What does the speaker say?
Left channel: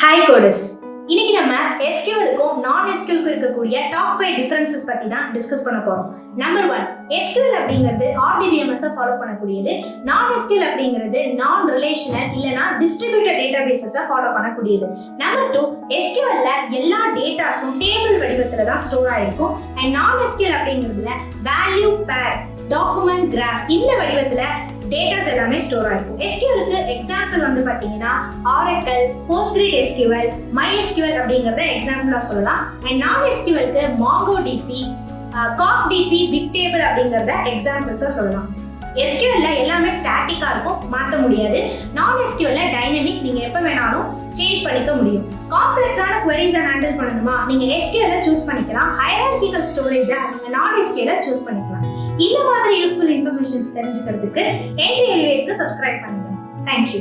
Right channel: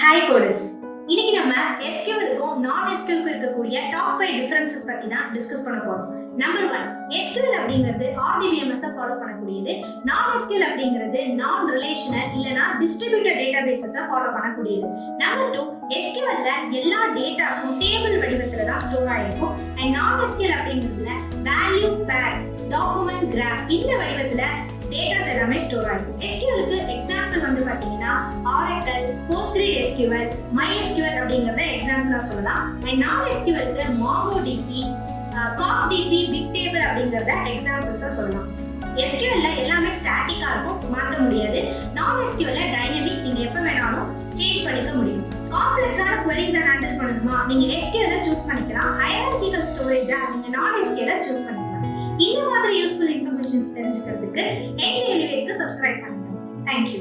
Hi codes. இன்னைக்கு நம்ம SQLக்கும் non-SQLக்கும் இருக்கக்கூடிய டாப் 5 டிஃபரன்சஸ் பத்தி தான் டிஸ்கஸ் பண்ண போறோம். நம்பர் 1, SQL அப்படிங்கிறது RDBMS ஃபாலோ பண்ணக்கூடியது. non-SQL அப்படிங்கிறது நான் ரிலேஷனல் இல்லனா டிஸ்ட்ரிபியூட்டட் டேட்டாபேஸஸ் ஃபாலோ பண்ணக்கூடியது. நம்பர் 2, SQLல எல்லா டேட்டாஸும் டேபிள் வடிவத்துல தான் ஸ்டோர் ஆயிருக்கும். அண்ட் non-SQL அப்படிங்கிறதுல வேல்யூ பேர், டாக்குமெண்ட் கிராஃப் இந்த வடிவத்துல டேட்டாஸ் எல்லாமே ஸ்டோர் ஆயிருக்கும். SQLக்கு எக்ஸாம்பிள் வந்து பாத்தீங்கன்னா Oracle, PostgreSQL, MySQL அப்படிங்கறத எக்ஸாம்பிளா சொல்லலாம். அண்ட் non-SQLக்கு MongoDB, CofDB, BigTable அப்படிங்கறத எக்ஸாம்பிள்ஸா சொல்லலாம். SQLல எல்லாமே ஸ்டாட்டிக்கா இருக்கும், மாற்ற முடியாது. non-SQLல டைனமிக், நீங்க எப்ப வேணாலும் சேஞ்ச் பண்ணிக்க முடியும். காம்ப்ளெக்ஸான queries ஹேண்டில் பண்ணணுமா, நீங்க SQLல சூஸ் பண்ணிக்கலாம். ஹைரார்கிக்கல் ஸ்டோரேஜ் நீங்க non-SQLல சூஸ் பண்ணிக்கலாம். இந்த மாதிரி யூஸ்ஃபுல் இன்ஃபர்மேஷன்ஸ் தெரிஞ்சுக்கிறதுக்கு Entri சப்ஸ்கிரைப் பண்ணுங்க. தேங்க்யூ.